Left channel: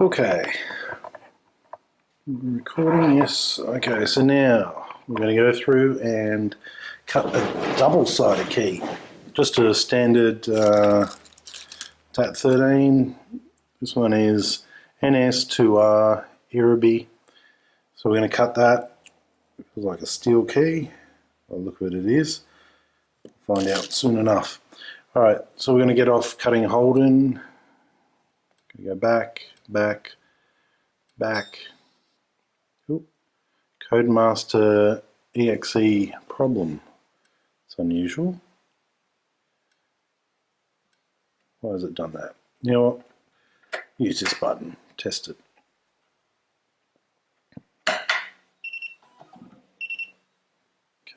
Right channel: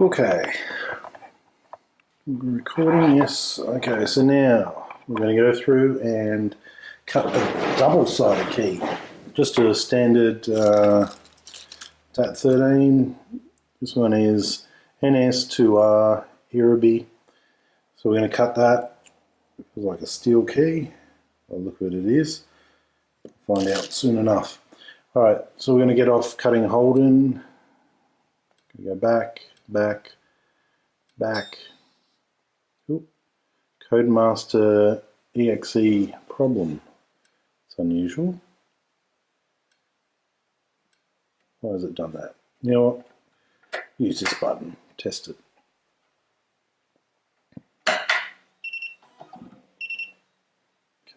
Okay, recording, yes. Okay, so now we're going to go through and cut a double-sided key. Just a standard TAT13. This one is NS2R Irribi. So we're going to cut that. It's like a steel key. I'll look what it is. Find out soon enough. Alright, so we're going to get off cutting Holden. Go back, back, back. Ooh. Codemaster EXE problem. It's unusual. Why has it done that? You know what? Use this button. Test it.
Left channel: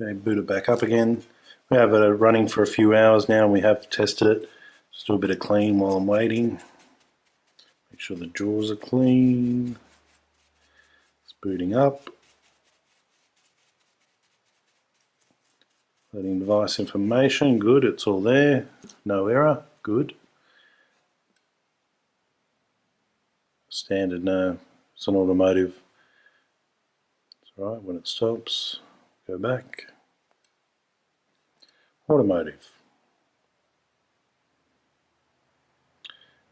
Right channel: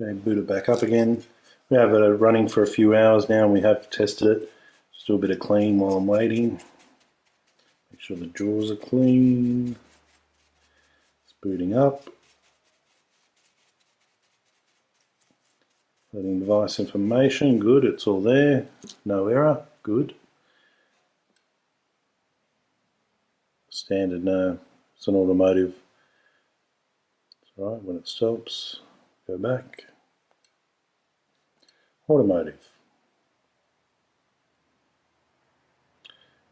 Okay, boot it back up again. We have it running for a few hours now and we have tested it. Just do a bit of clean while I'm waiting. Make sure the drawers are clean. It's booting up. Loading device information, good, it's all there. No error, good. Standard, no, it's an automotive. It's alright, when it stops, go back. Automotive.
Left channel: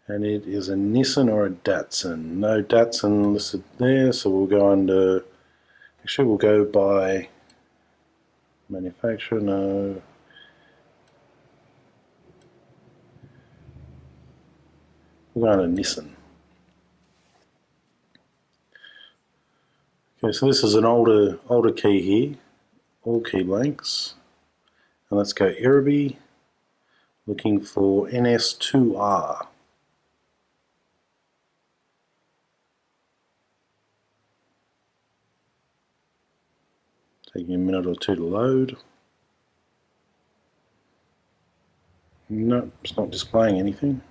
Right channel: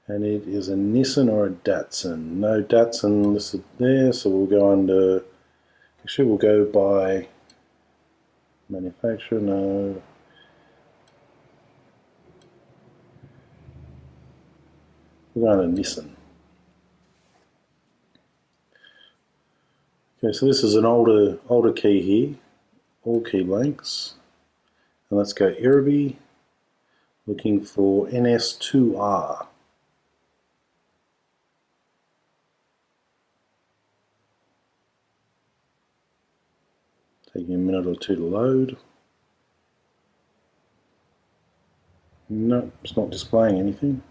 And it is a Nissan or a Datsun. No Datsun listed there, so we'll go under, actually we'll go by manufacturer, no. We'll go under Nissan. Okay, so this is an older key here, all key blanks. And let's go Irribi, looking for NS2R. Taking a minute or two to load. No, it's not displaying anything.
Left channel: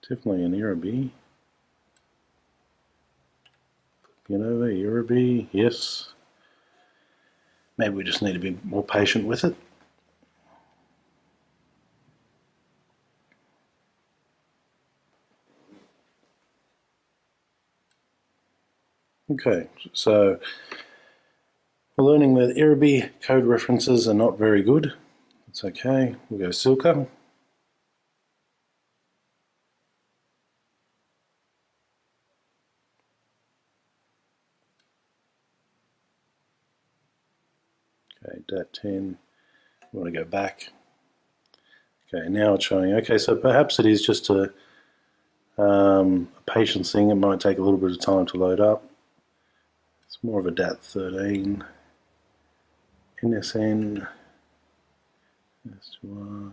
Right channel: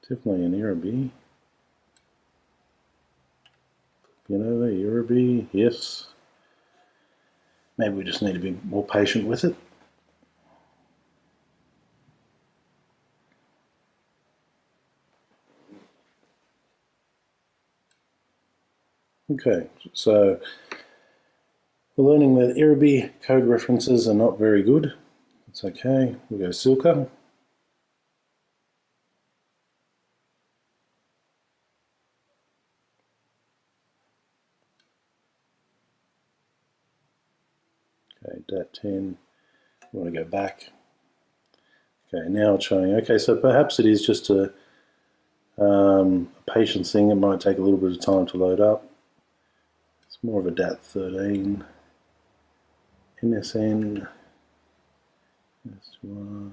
It's definitely an Irribi. Flipping over, Irribi, yes. Maybe we just need to be more patient with it. Okay, so we're learning that Irribi code references are not very good. It's okay, we'll go Silka. Okay, DAT10, we want to go back. Okay, now it's showing, okay, so perhaps it is just a patience thing. It might take a little bit of time to load up. It's more of a DAT13, NSN, S2R.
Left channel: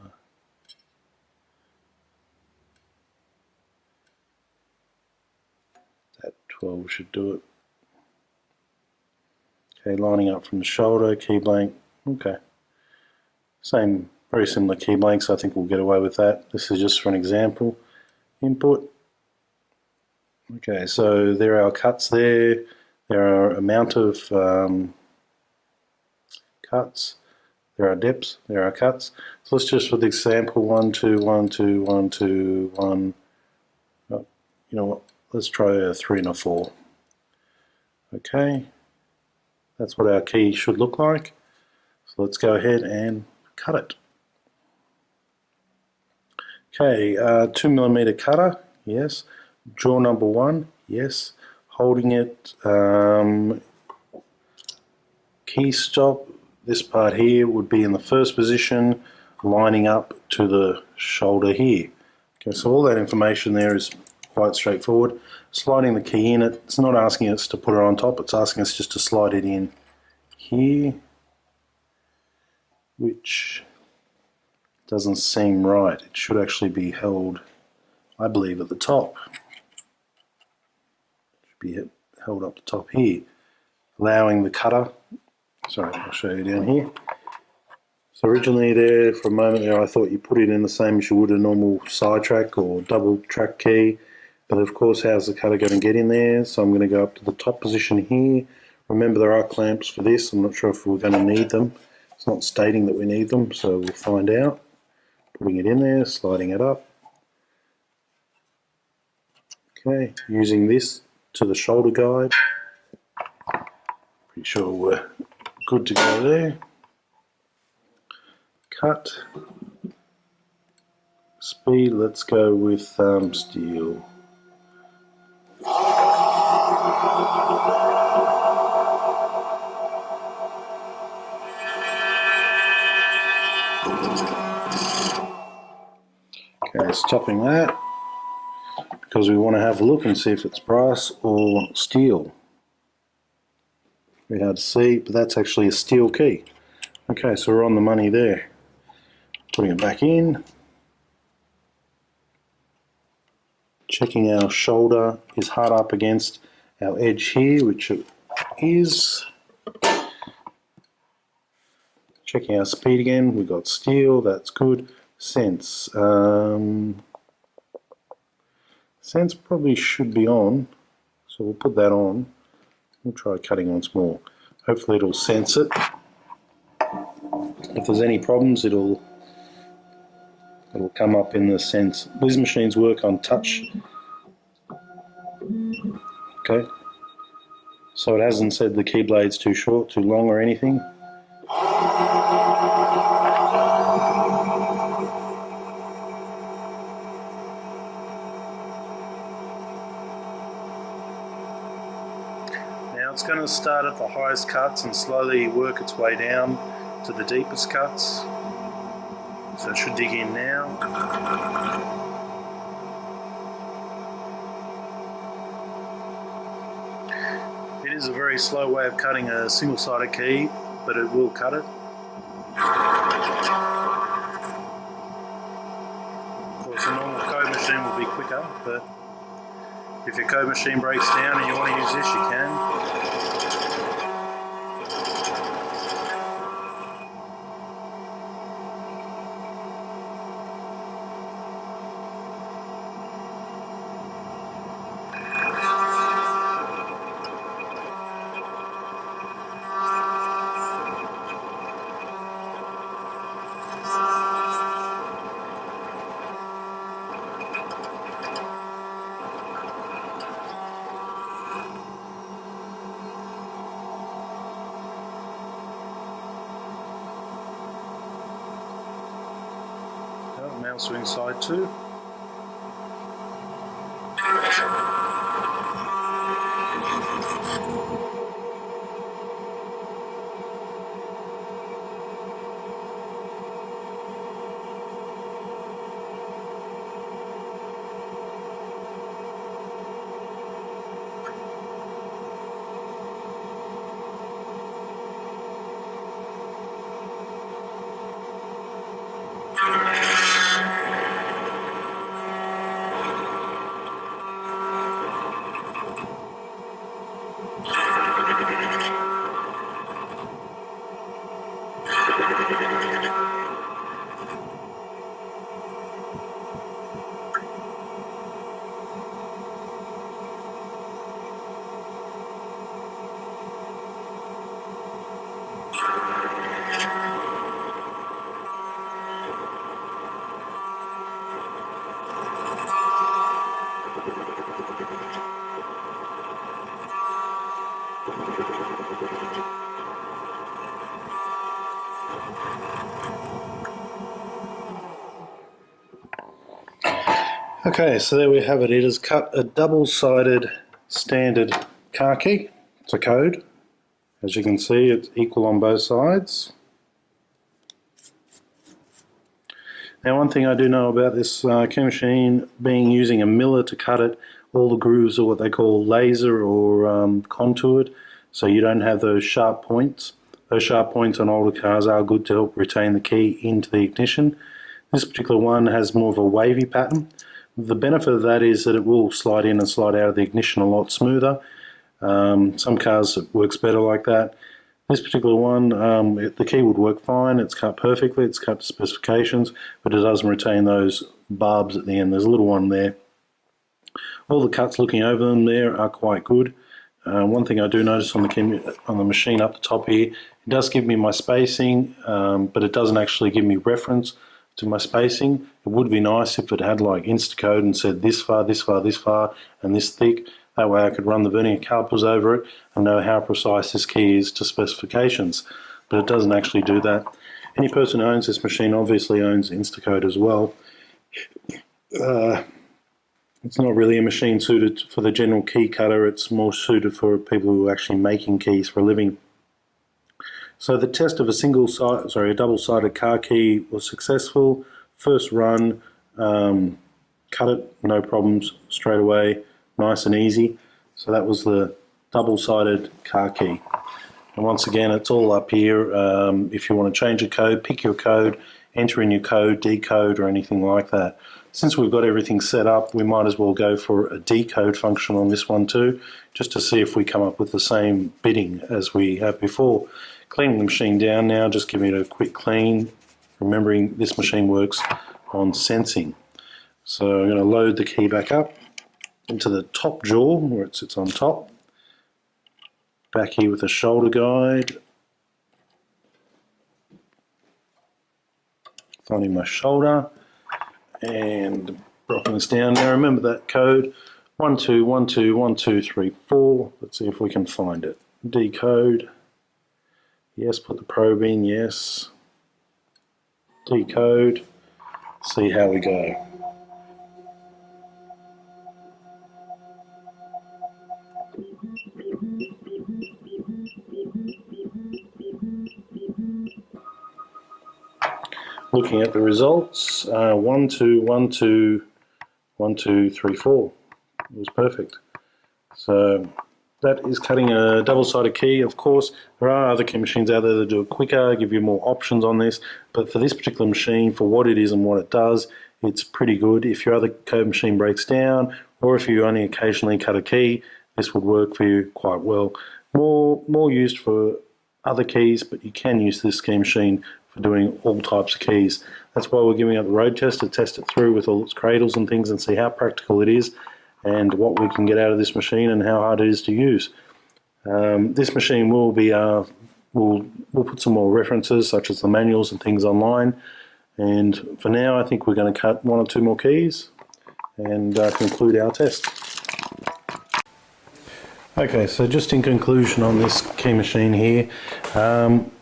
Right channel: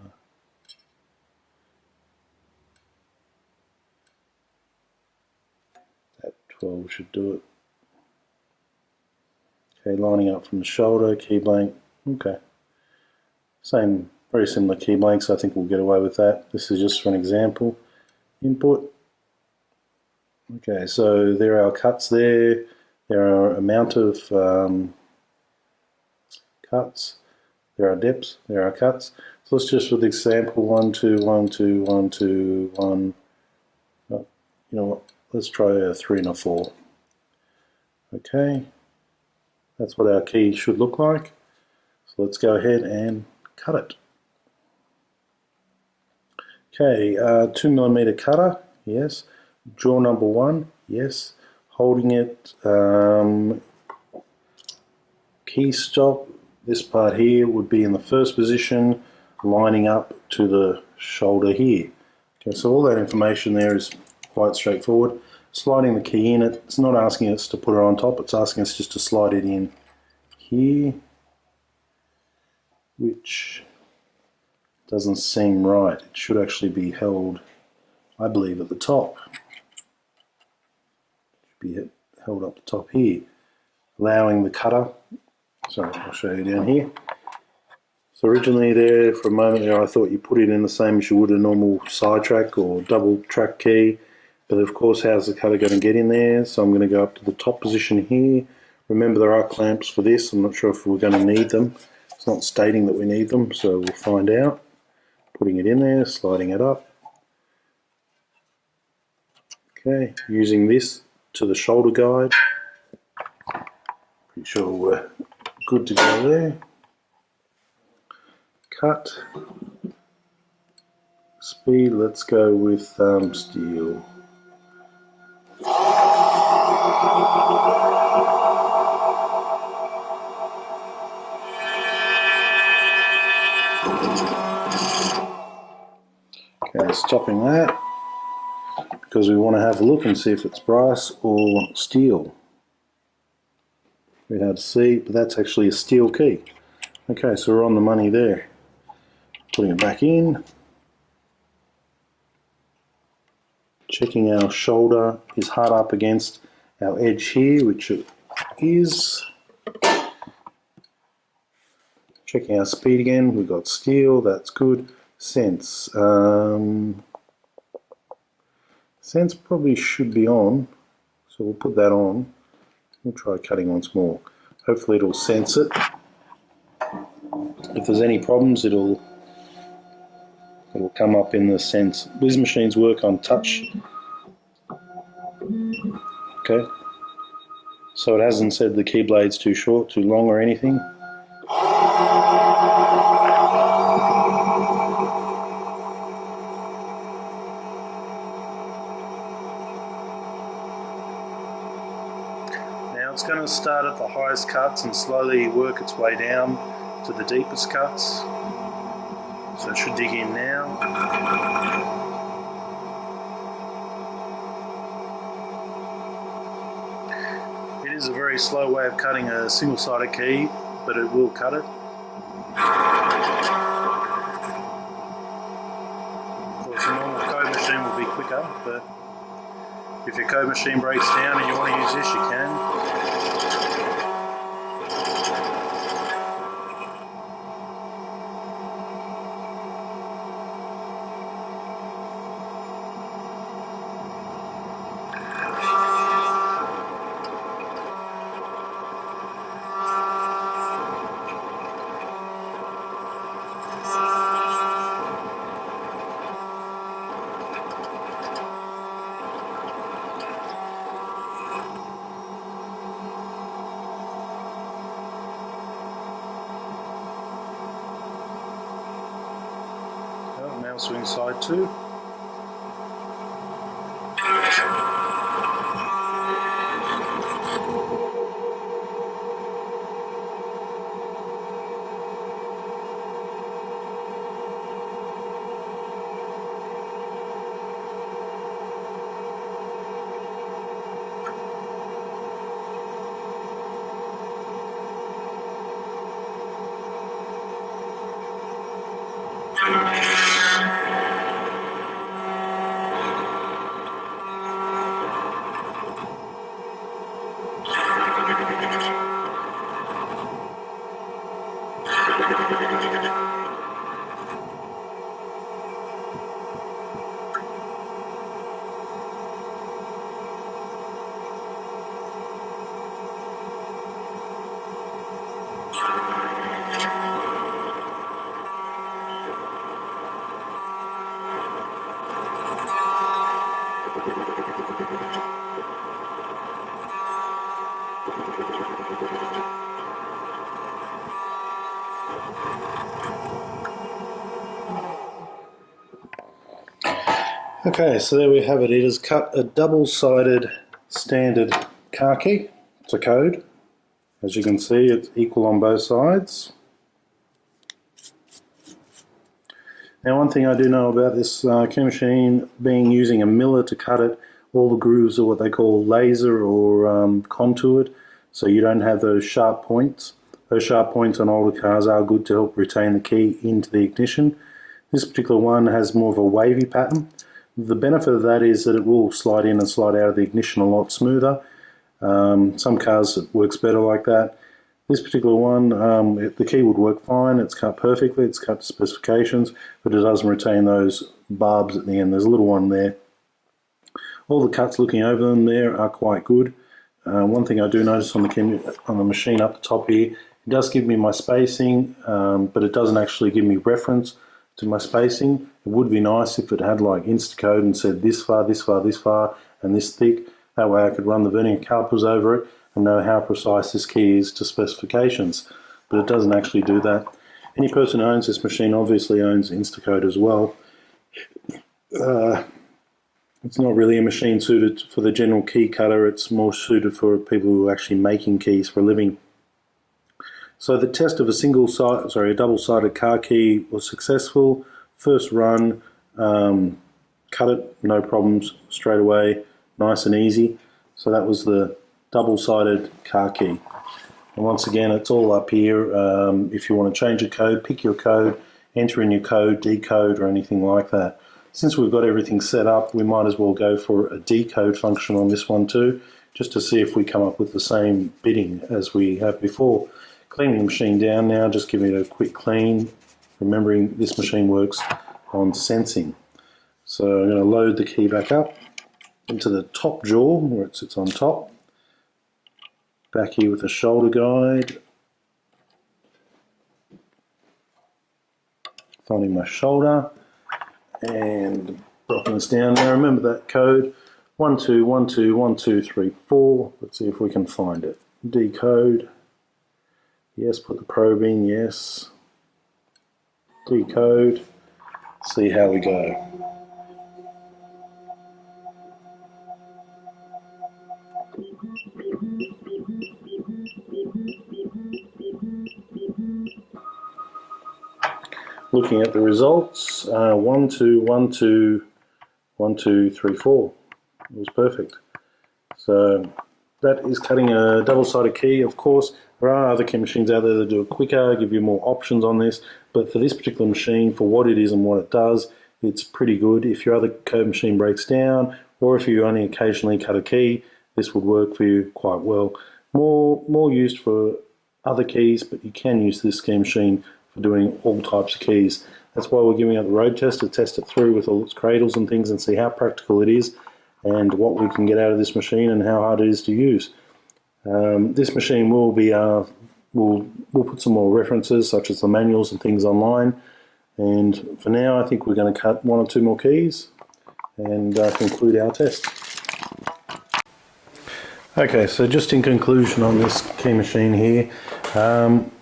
DAT12 should do it. Okay, lining up from the shoulder, key blank, okay. Same, very similar key blanks, I think we'll get away with that. This is just for an example. Input. Okay, so there are our cuts there. There are a amount of cuts. There are depths. There are cuts. So let's just, for the example, 1, 2, 1, 2, 1, 2, 1. Oh, you know what? Let's try a 3 and a 4. Okay, that's what our key should look like. So let's go ahead and cut it. Okay, 2mm cutter, yes. Draw number 1, yes. Holding it, key stop, this part here would be in the first position, lining up to the shoulder here. Okay, so all that information there is quite straightforward. Sliding the key in, it's not asking us to put it on top, it's asking us just to slide it in here, which doesn't seem right. It should actually be held, I believe, at the top. It should be held up the top here, allowing the cutter, sorry, I'll show you down here. So originally there, for a moment there, I thought you put it in the same as you would a normal side track or double track key, but of course how's the cutter going to get in there? So I'm going to go up to the top position here. Remember there are clamps for this, I'm not sure if we're going to need them. It's not stating that we need them, so we'll find out. putting it in there, sliding it up. Okay, using this to the shoulder guide. Pretty sure we're good to go there. Cut. Speed, let's go with steel. Okay, stopping that because we want to have a look and see if it's brass or steel. Very hard to see, but that's actually a steel key. Okay, so we're on the money there. Putting it back in. Checking our shoulder is hard up against our edge here, which it is. Checking our speed again, we've got steel, that's good. Sense. Sense probably should be on, so we'll put that on. We'll try cutting once more. Hopefully it'll sense it. If there's any problems, it'll come up in the sense. These machines work on touch. Okay. So it hasn't said the keyblade's too short, too long or anything. Now it's going to start at the highest cuts and slowly work its way down to the deepest cuts. So it should dig in now. It is a very slow way of cutting a single-sided key, but it will cut it. Of course, a normal code machine will be quicker, but if your code machine breaks down and you want to use this, you can. Now swing side 2. Okay, so there we have it. It has cut a double-sided standard car key. It's a code. As you can see, it's equal on both sides. Now, one thing I do know about this key machine being using a miller to cut it, all the grooves are what they call laser or contoured, so you don't have those sharp points. Those sharp points on older cars are good to help retain the key into the ignition. This particular one has more of a wavy pattern. The benefit of that is that it will slide in and slide out of the ignition a lot smoother. Some cars it works better like that. This particular one, the key would work fine. It's cut perfectly. It's cut to specifications, but it doesn't retain those barbs at the end. There's a little one there. All the cuts looking over them there are quite good. One thing I do notice on the machine up the top here, it does give me my spacing, but it doesn't actually give me reference to my spacing. It would be nice if it had like Instacode and said this far, this far, this far, and this thick. That way I could run the vernier calipers over it and know how precise this key is to specifications. But it doesn't actually do that. Any person who owns this machine obviously owns Instacode as well. It's not really a machine suited for the general key cutter. It's more suited for people who are actually making keys for a living. So the test of a double-sided car key was successful. First run, cut it, no problems, straight away, nice and easy. So that was the double-sided car key. And once again, it's all up here. If you want to change a code, pick your code, enter in your code, decode, or anything like that. Since we've got everything set up, we might as well go for a decode function on this one too, just to see if we come up with the same bidding as we have before. Cleaning the machine down now, just giving it a quick clean, remembering this machine works on sensing. So I'm going to load the key back up into the top jaw where it sits on top. Back here with the shoulder guide. Finding my shoulder and dropping this down. Now remember that code 12121234. Let's see if we can find it. Decode. Yes, put the probe in, yes. Decode. See how we go. Looking at the results, 1 2 1 2 1 2 3 4. It was perfect. So that is cutting a double-sided key. Of course, there are other key machines out there that do it quicker, give you more options on this, but for this particular machine, for what it is and what it does, it's pretty good. If your other code machine breaks down, or if you only occasionally cut a key, this would work for you quite well. More used for other keys, but you can use this key machine for doing all types of keys. That's why we're giving it the road test, to test it through with all its cradles and things and see how practical it is and what we can get out of this machine and how hard it is to use. This machine will be, we'll put some more references such as the manuals and things online, and for now I think we're going to cut 1 or 2 more keys and conclude our test. Okay, so just in conclusion on this key machine here,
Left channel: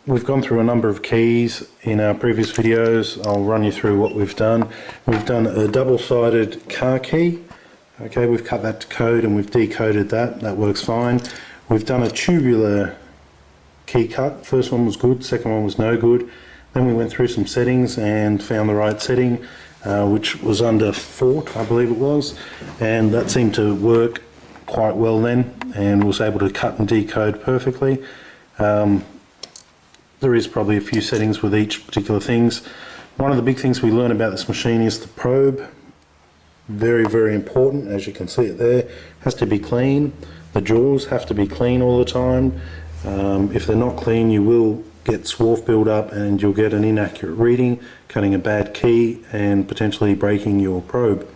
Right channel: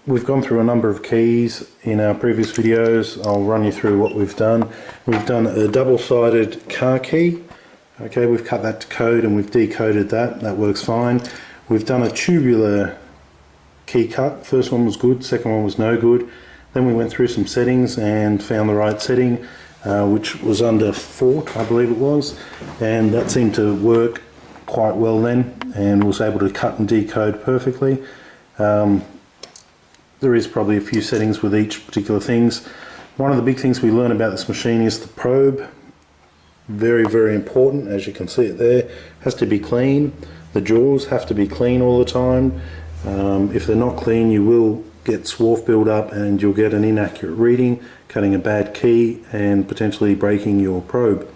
we've gone through a number of keys in our previous videos. I'll run you through what we've done. We've done a double-sided car key. Okay, we've cut that to code and we've decoded that. That works fine. We've done a tubular key cut. First one was good, second one was no good. Then we went through some settings and found the right setting, which was under Fort, I believe it was, and that seemed to work quite well then, and was able to cut and decode perfectly. There is probably a few settings with each particular things. One of the big things we learn about this machine is the probe. Very, very important, as you can see it there. Has to be clean. The jaws have to be clean all the time. If they're not clean, you will get swarf build up and you'll get an inaccurate reading, cutting a bad key and potentially breaking your probe.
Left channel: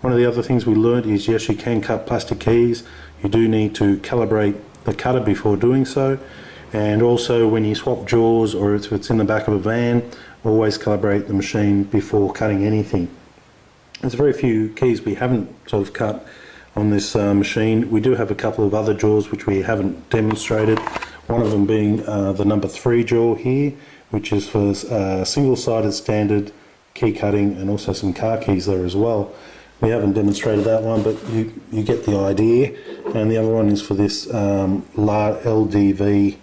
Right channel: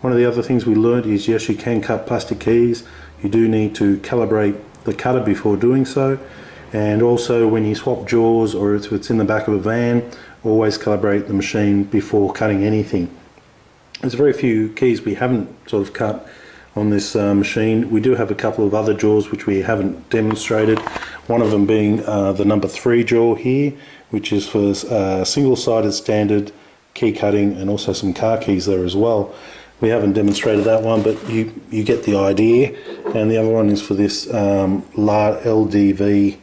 One of the other things we learned is, yes, you can cut plastic keys. You do need to calibrate the cutter before doing so. And also when you swap jaws, or if it's in the back of a van, always calibrate the machine before cutting anything. There's very few keys we haven't sort of cut on this machine. We do have a couple of other jaws which we haven't demonstrated. One of them being the number 3 jaw here, which is for single-sided standard key cutting, and also some car keys there as well. We haven't demonstrated that one, but you get the idea. And the other one is for this LDV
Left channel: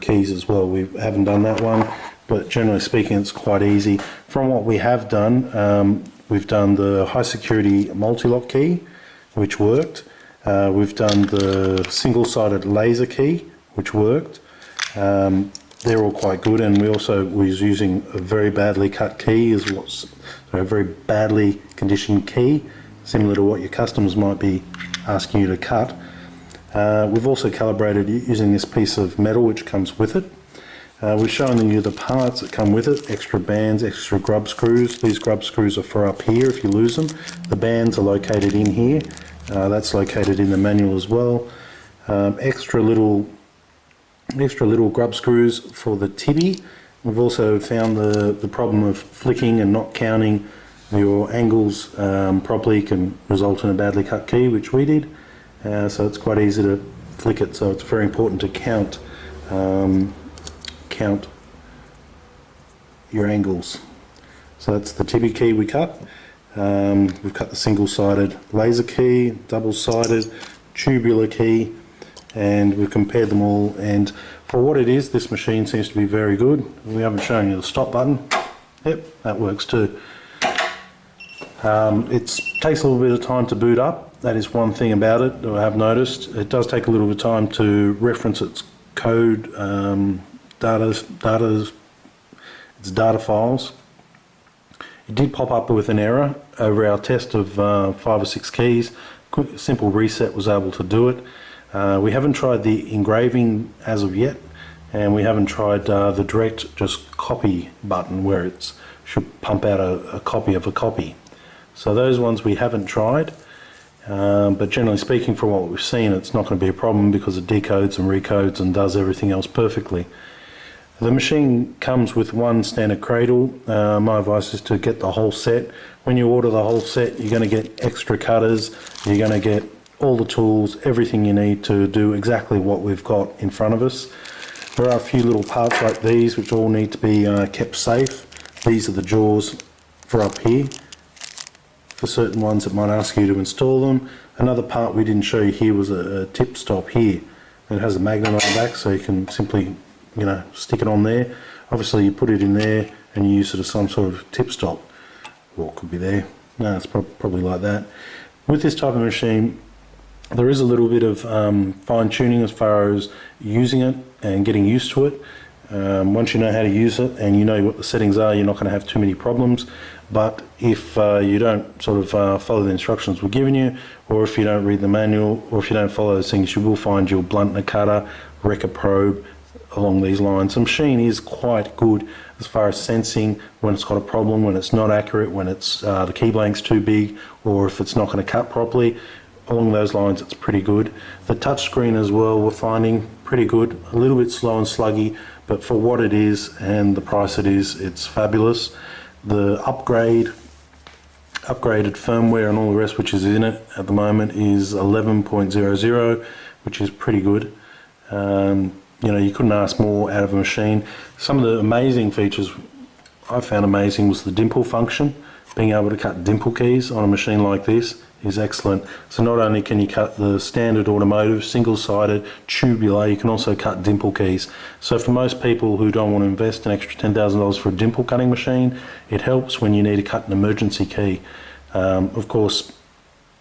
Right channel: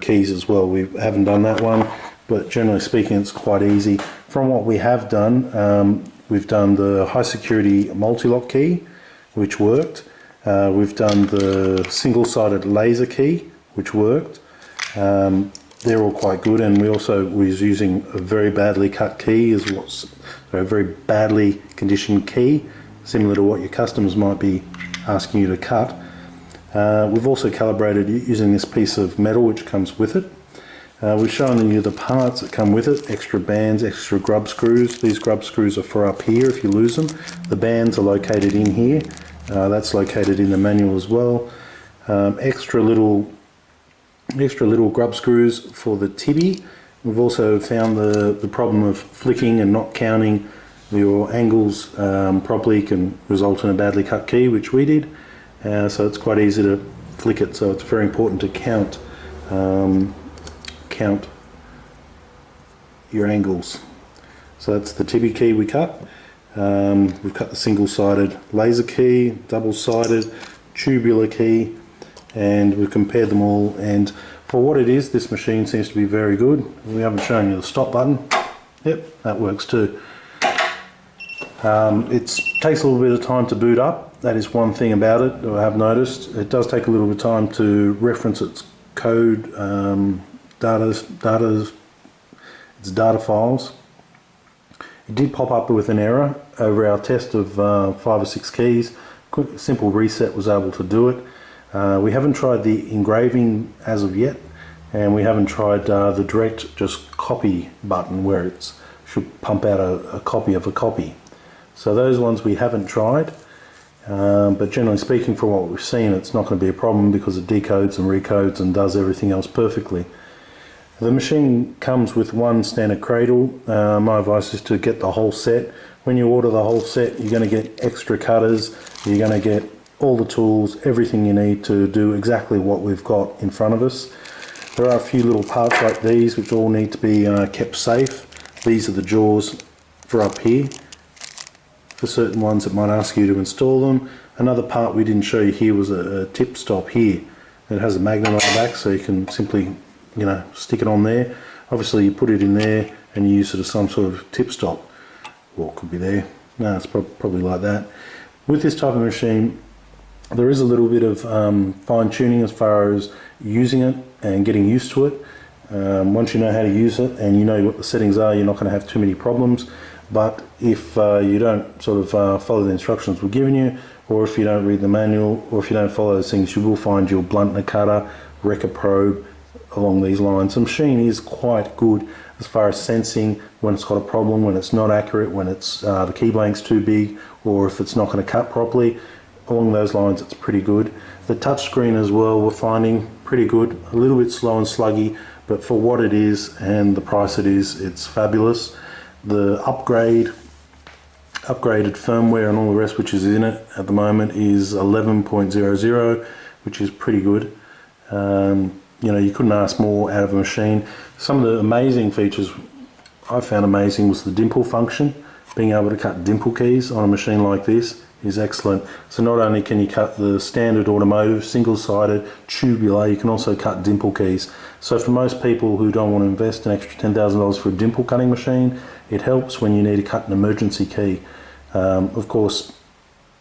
keys as well. We haven't done that one, but generally speaking it's quite easy. From what we have done, we've done the high security multi-lock key, which worked. We've done the single-sided laser key, which worked. They're all quite good, and we also was using a very badly cut key, as what's a very badly conditioned key, similar to what your customers might be asking you to cut. We've also calibrated using this piece of metal which comes with it. We've shown you the parts that come with it: extra bands, extra grub screws. These grub screws are for up here if you lose them. The bands are located in here. That's located in the manual as well. Extra little grub screws for the tibby, We've also found the problem of flicking and not counting your angles properly can result in a badly cut key, which we did. So it's quite easy to flick it, so it's very important to count your angles. So that's the Tibi key we cut. We've cut the single-sided laser key, double-sided, tubular key, and we've compared them all, and for what it is, this machine seems to be very good. We haven't shown you the stop button. Yep, that works too. It takes a little bit of time to boot up. That is one thing about it that I have noticed. It does take a little bit of time to reference its code, its data files. It did pop up with an error over our test of 5 or 6 keys. Quick, simple reset was able to do it. We haven't tried the engraving as of yet, and we haven't tried the direct just copy button where it should pump out a copy of a copy. So those ones we haven't tried, but generally speaking, for what we've seen, it's not going to be a problem because it decodes and recodes and does everything else perfectly. The machine comes with one standard cradle. My advice is to get the whole set. When you order the whole set, you're going to get extra cutters, you're going to get all the tools, everything you need to do exactly what we've got in front of us. There are a few little parts like these which all need to be kept safe. These are the jaws for up here, for certain ones that might ask you to install them. Another part we didn't show you here was a tip stop here. It has a magnet on the back, so you can simply, you know, stick it on there. Obviously you put it in there and you use it as some sort of tip stop. Or it could be there. No, it's probably like that. With this type of machine, there is a little bit of fine-tuning as far as using it and getting used to it. Once you know how to use it and you know what the settings are, you're not going to have too many problems. But if you don't sort of follow the instructions we're giving you, or if you don't read the manual, or if you don't follow those things, you will find your blunt cutter, wrecker probe, along these lines. The machine is quite good as far as sensing when it's got a problem, when it's not accurate, when it's the key blank's too big, or if it's not going to cut properly. Along those lines, it's pretty good. The touchscreen as well, we're finding pretty good. A little bit slow and sluggy, but for what it is and the price it is, it's fabulous. The upgraded firmware and all the rest which is in it at the moment is 11.00, which is pretty good. You know, you couldn't ask more out of a machine. Some of the amazing features I found amazing was the dimple function. Being able to cut dimple keys on a machine like this is excellent. So not only can you cut the standard automotive single-sided tubular, you can also cut dimple keys. So for most people who don't want to invest an extra $10,000 for a dimple cutting machine, it helps when you need to cut an emergency key. Of course,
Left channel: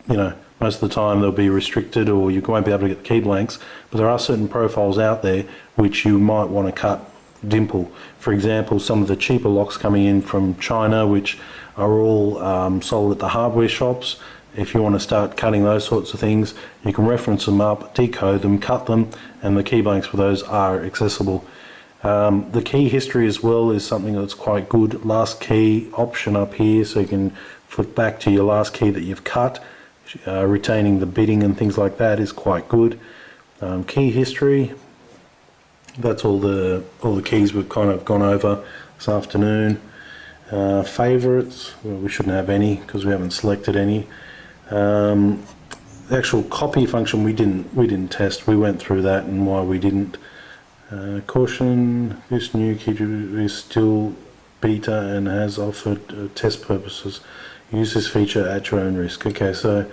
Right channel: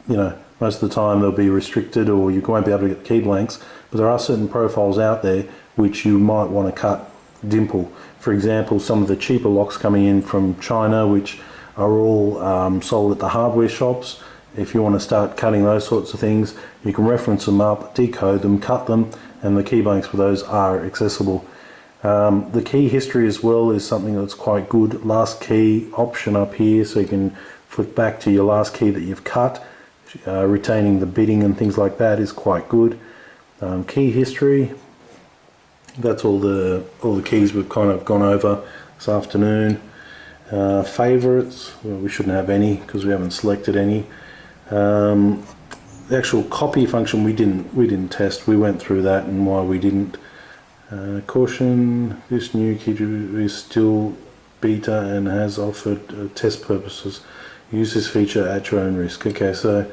you know, most of the time they'll be restricted or you won't be able to get the key blanks, but there are certain profiles out there which you might want to cut dimple. For example, some of the cheaper locks coming in from China, which are all sold at the hardware shops. If you want to start cutting those sorts of things, you can reference them up, decode them, cut them, and the key blanks for those are accessible. The key history as well is something that's quite good. Last key option up here, so you can flick back to your last key that you've cut. Retaining the bidding and things like that is quite good. Key history, that's all the keys we've kind of gone over this afternoon. Favorites, well, we shouldn't have any because we haven't selected any. The actual copy function we didn't test. We went through that and why we didn't. Caution, this new key is still beta and has offered test purposes. Use this feature at your own risk. Okay, so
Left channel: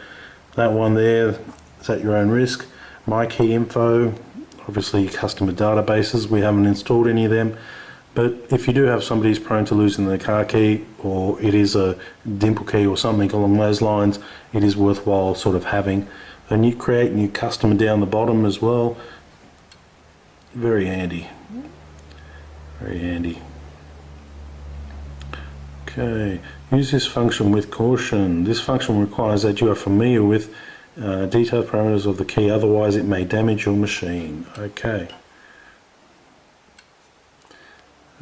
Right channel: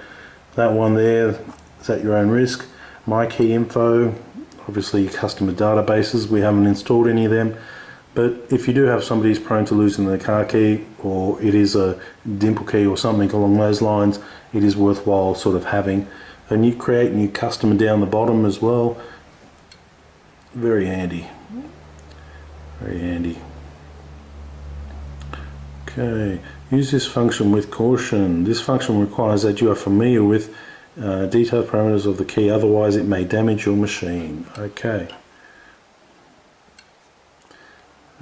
that one there is at your own risk. My key info, obviously customer databases, we haven't installed any of them. But if you do have somebody who's prone to losing their car key, or it is a dimple key or something along those lines, it is worthwhile sort of having. And you create new custom down the bottom as well. Very handy. Very handy. Okay, use this function with caution. This function requires that you are familiar with detailed parameters of the key, otherwise it may damage your machine. Okay.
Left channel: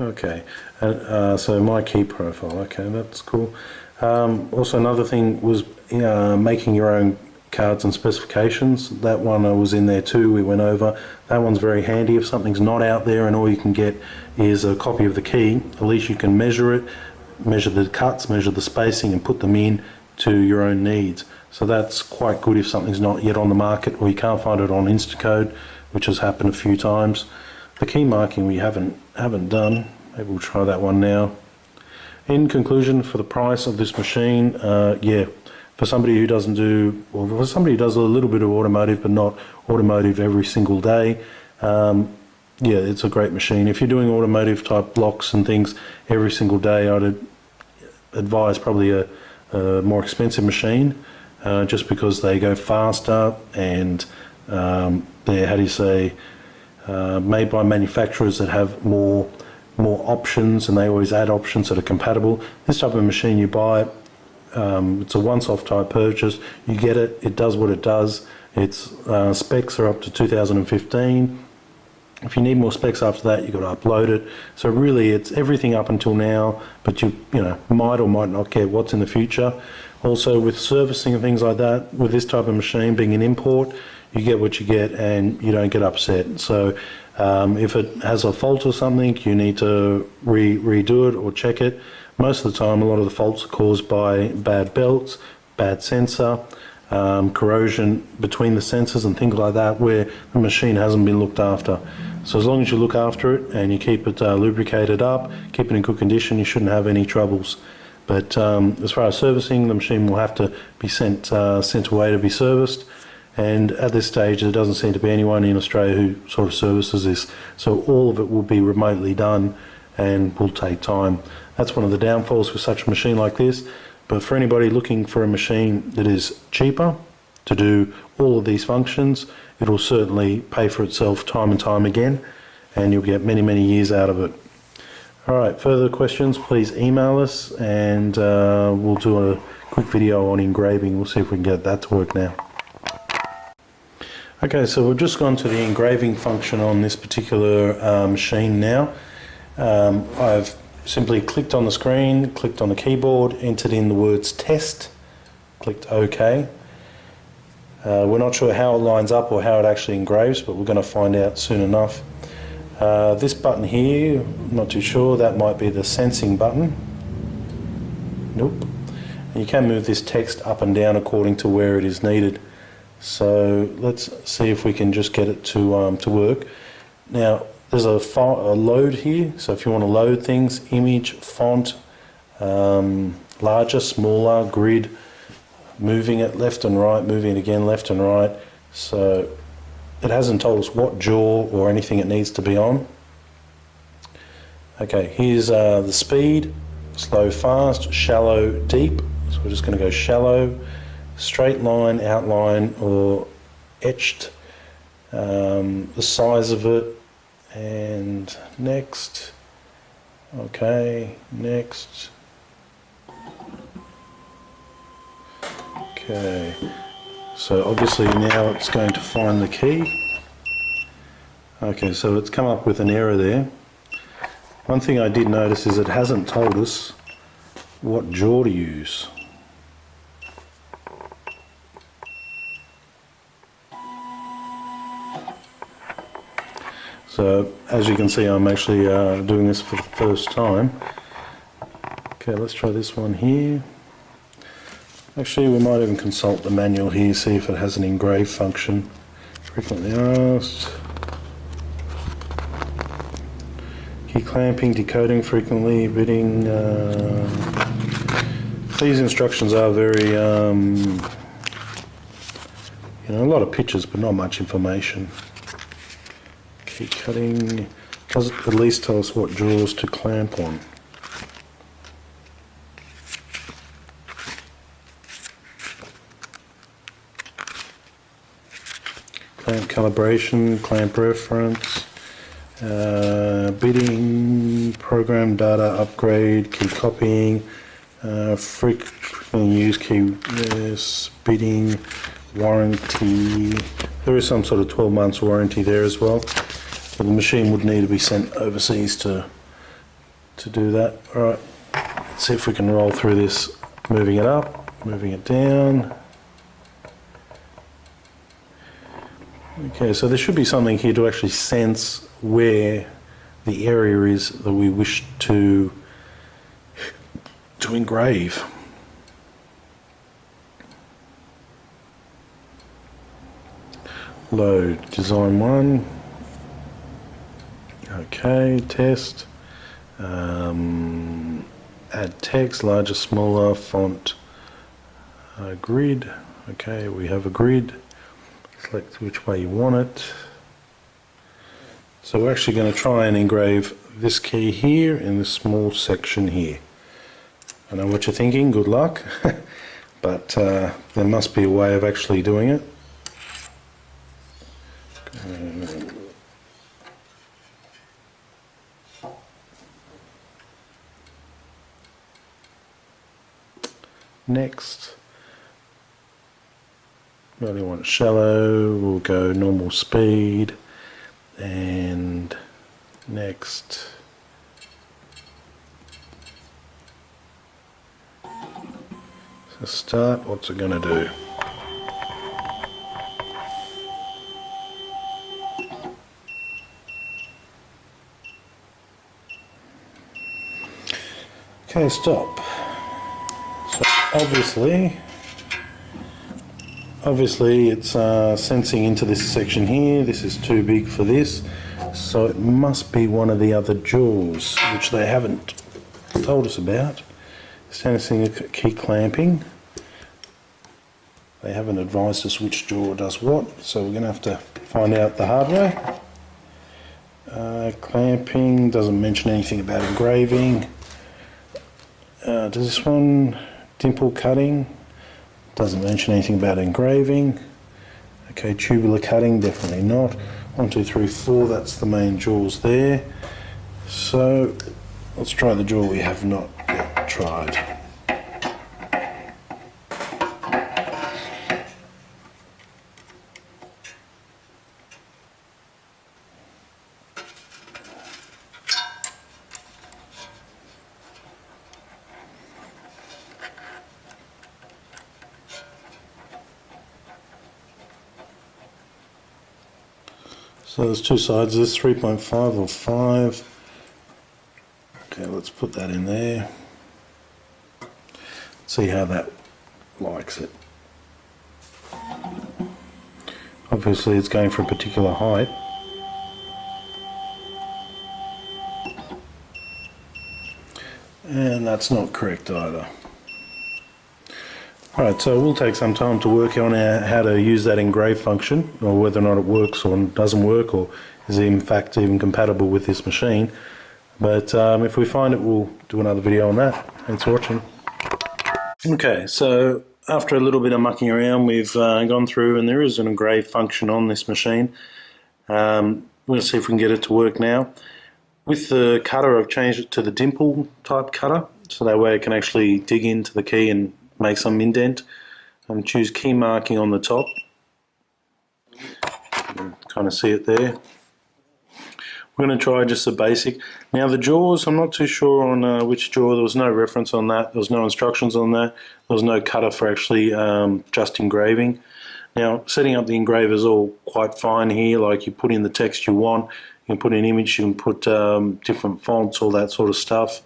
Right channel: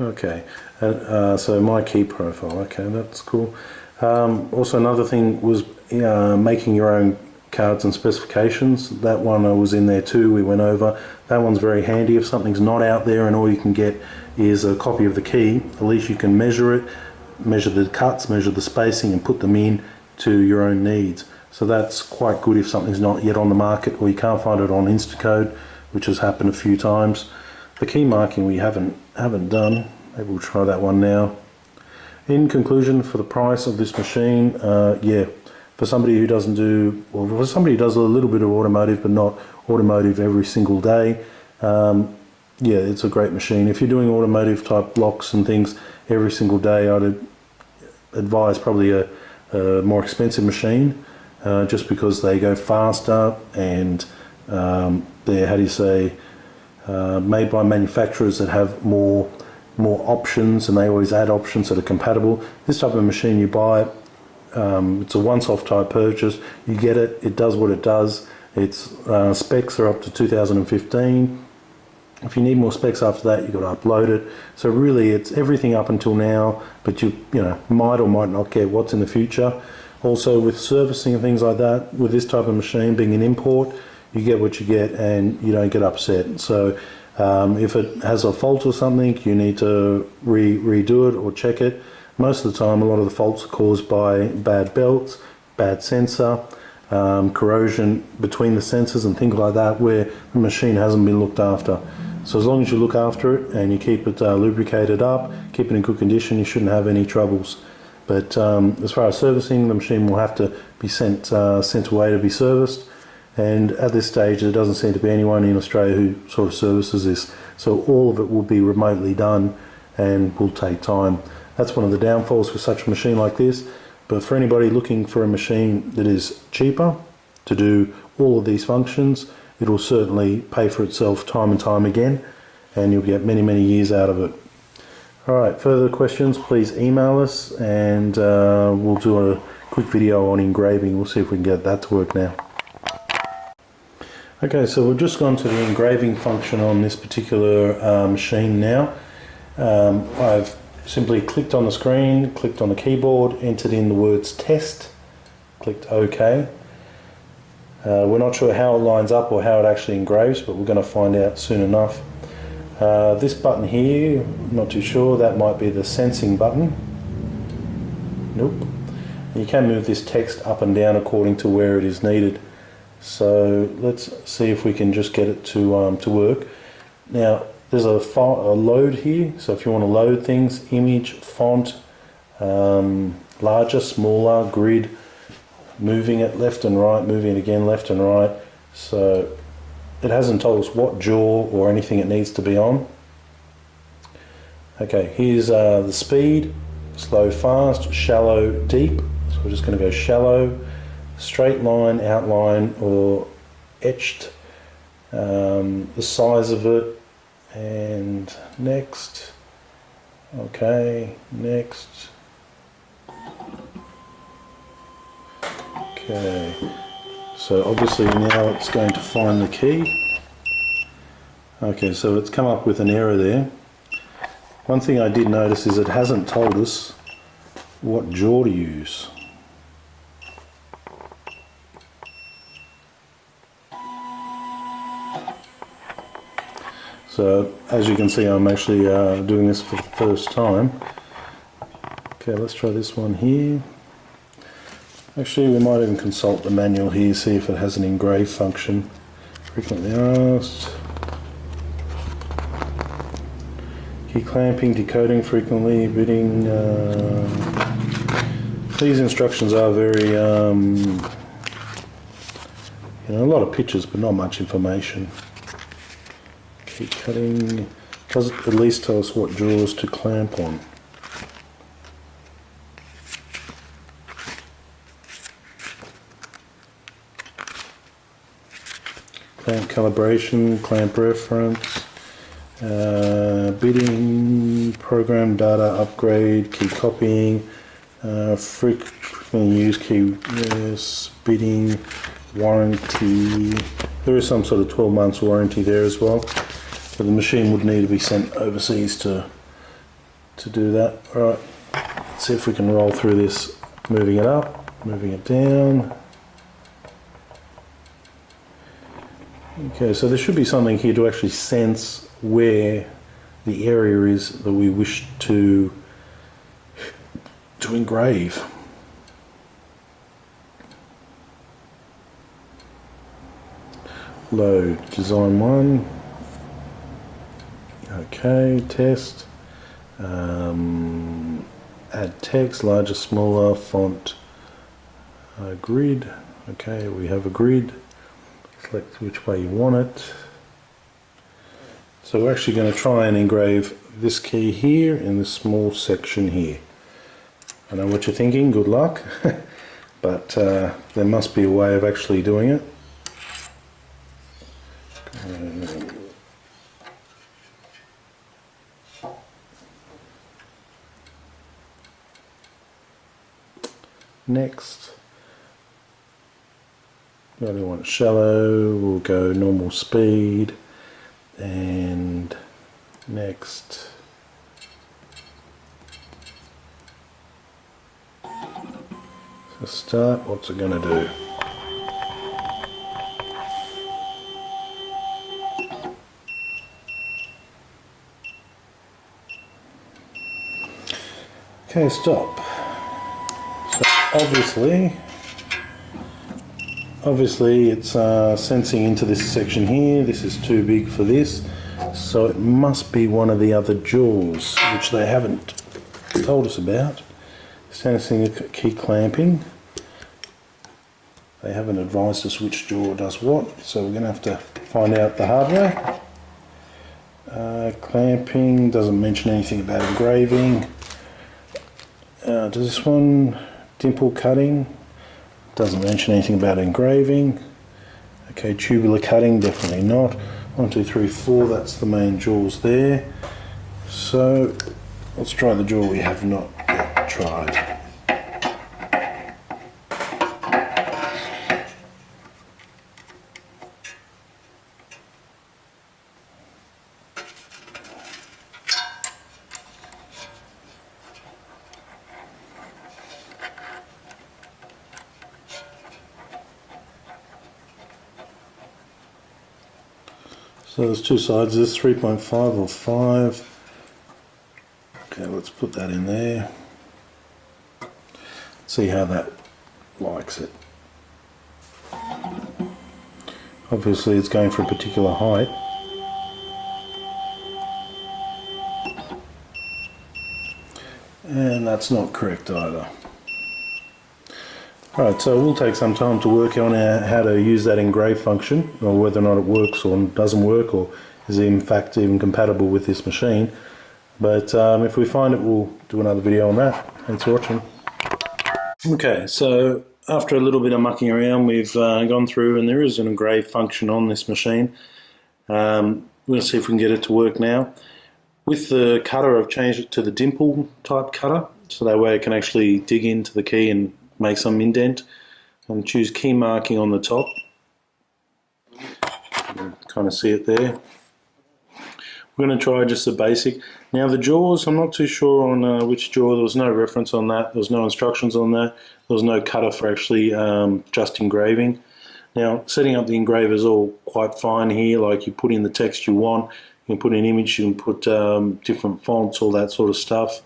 Okay, so my key profile, okay, that's cool. Also another thing was making your own cards and specifications. That one was in there too, we went over. That one's very handy if something's not out there and all you can get is a copy of the key. At least you can measure it, measure the cuts, measure the spacing and put them in to your own needs. So that's quite good if something's not yet on the market or you can't find it on Instacode, which has happened a few times. The key marking we haven't done. Maybe we'll try that one now. In conclusion, for the price of this machine, yeah, for somebody who doesn't do, well, for somebody who does a little bit of automotive but not automotive every single day, yeah, it's a great machine. If you're doing automotive type blocks and things every single day, I'd advise probably a more expensive machine, just because they go faster and they're, how do you say, made by manufacturers that have more options, and they always add options that are compatible. This type of machine, you buy it, it's a once-off type purchase, you get it, it does what it does. Its specs are up to 2015. If you need more specs after that, you've got to upload it. So really it's everything up until now, but you know, might or might not get what's in the future. Also with servicing and things like that, with this type of machine being an import, you get what you get and you don't get upset. So if it has a fault or something, you need to redo it or check it. Most of the time, a lot of the faults are caused by bad belts, bad sensor, corrosion between the sensors and things like that, where the machine hasn't been looked after. So as long as you look after it and you keep it lubricated up, keep it in good condition, you shouldn't have any troubles. But as far as servicing, the machine will have to be sent away to be serviced. And at this stage, there doesn't seem to be anyone in Australia who sort of services this. So all of it will be remotely done and will take time. That's one of the downfalls with such a machine like this. But for anybody looking for a machine that is cheaper to do all of these functions, it will certainly pay for itself time and time again, and you'll get many, many years out of it. All right, further questions, please email us, and we'll do a quick video on engraving. We'll see if we can get that to work now. Okay, so we've just gone to the engraving function on this particular machine now. I've simply clicked on the screen, clicked on the keyboard, entered in the words test, clicked OK. We're not sure how it lines up or how it actually engraves, but we're going to find out soon enough. This button here, I'm not too sure, that might be the sensing button. Nope. And you can move this text up and down according to where it is needed. So let's see if we can just get it to work. Now there's a load here, so if you want to load things, image, font, larger, smaller, grid, moving it left and right, moving it again left and right. So it hasn't told us what jaw or anything it needs to be on. Okay, here's the speed, slow, fast, shallow, deep. So we're just going to go shallow, straight line, outline, or etched, the size of it, and next. Okay, next. Okay, so obviously now it's going to find the key. Okay, so it's come up with an error there. One thing I did notice is it hasn't told us what jaw to use. So as you can see, I'm actually doing this for the first time. Okay, let's try this one here. Actually, we might even consult the manual here, see if it has an engrave function. Frequently asked. Key clamping, decoding frequently, bidding. These instructions are very, you know, a lot of pictures, but not much information. Key cutting does at least tell us what jaws to clamp on. Clamp calibration, clamp reference, bidding, program data upgrade, key copying, frequently used key, yes, bidding, warranty. There is some sort of 12 months warranty there as well. So the machine would need to be sent overseas to do that. Alright, let's see if we can roll through this, moving it up, moving it down. Okay, so there should be something here to actually sense where the area is that we wish to engrave. Load design 1. Okay, test. Add text, larger, smaller, font, grid. Okay, we have a grid. Select which way you want it. So we're actually going to try and engrave this key here in this small section here. I know what you're thinking, good luck, but there must be a way of actually doing it. Next, we only want shallow, we'll go normal speed, and next. So start, what's it going to do? Okay, stop. So obviously it's sensing into this section here. This is too big for this, so it must be one of the other jaws, which they haven't told us about. Sensing key clamping. They haven't advised us which jaw does what, so we're going to have to find out the hard way. Clamping doesn't mention anything about engraving. Does this one dimple cutting? Doesn't mention anything about engraving. Okay, tubular cutting, definitely not. 1, 2, 3, 4, that's the main jaws there. So let's try the jaw we have not yet tried. So there's two sides, this 3.5 or 5. Okay, let's put that in there. See how that likes it. Obviously it's going for a particular height. And that's not correct either. Alright, so we'll take some time to work on how to use that engrave function, or whether or not it works or doesn't work, or is it in fact even compatible with this machine. But if we find it, we'll do another video on that. Thanks for watching. Okay, so after a little bit of mucking around, we've gone through, and there is an engrave function on this machine. We're going to see if we can get it to work now. With the cutter, I've changed it to the dimple type cutter, so that way it can actually dig into the key and make some indent, and choose key marking on the top. You can kind of see it there. We're going to try just the basic. Now the jaws, I'm not too sure on which jaw. There was no reference on that. There was no instructions on that. There was no cutter for actually just engraving. Now setting up the engraver is all quite fine here. Like you put in the text you want. You can put an image. You can put different fonts, all that sort of stuff.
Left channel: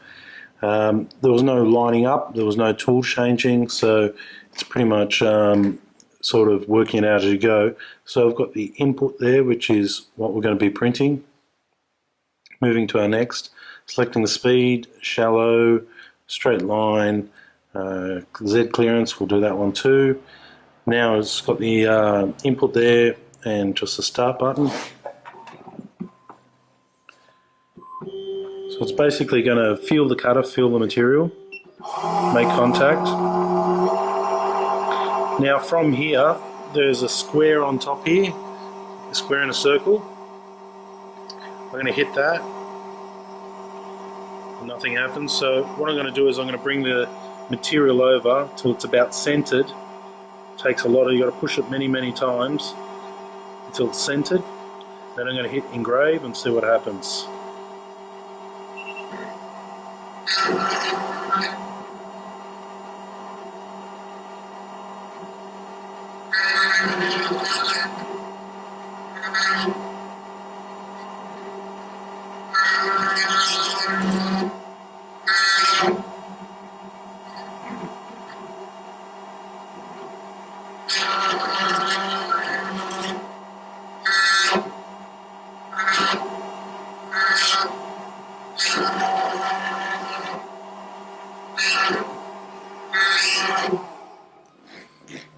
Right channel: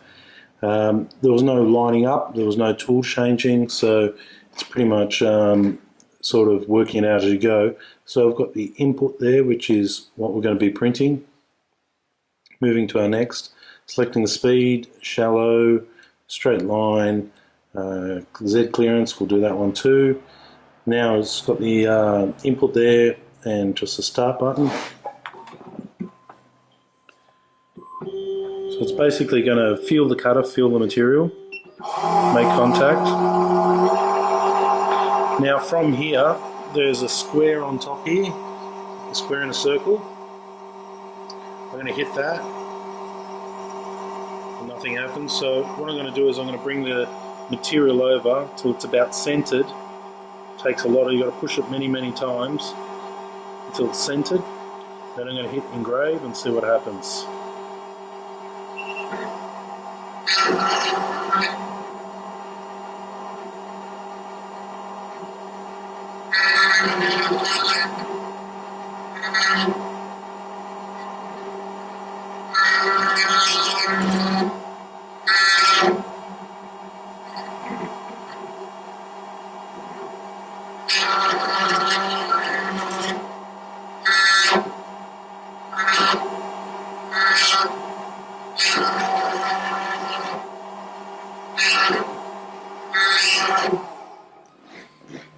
There was no lining up, there was no tool changing, so it's pretty much sort of working it out as you go. So I've got the input there, which is what we're going to be printing. Moving to our next, selecting the speed, shallow, straight line, Z clearance, we'll do that one too. Now it's got the input there and just the start button. So it's basically going to feel the cutter, feel the material, make contact. Now from here, there's a square on top here, a square and a circle. I'm going to hit that, and nothing happens. So what I'm going to do is I'm going to bring the material over till it's about centered. It takes a lot, you've got to push it many, many times until it's centered. Then I'm going to hit engrave and see what happens.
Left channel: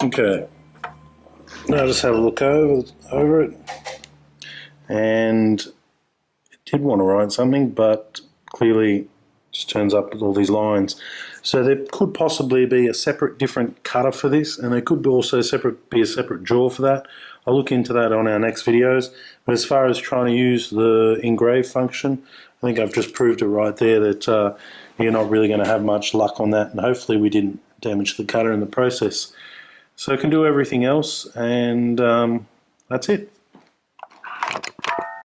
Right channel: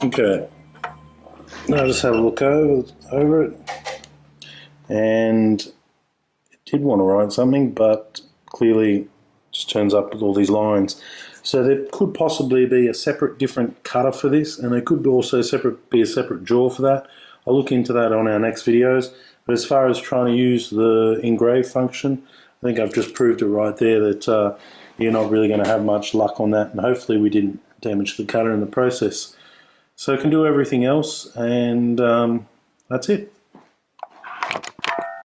Okay, now just have a look over it, and it did want to write something, but clearly just turns up with all these lines. So there could possibly be a separate different cutter for this, and there could also be a separate jaw for that. I'll look into that on our next videos. But as far as trying to use the engrave function, I think I've just proved it right there that you're not really going to have much luck on that, and hopefully we didn't damage the cutter in the process. So it can do everything else, and that's it.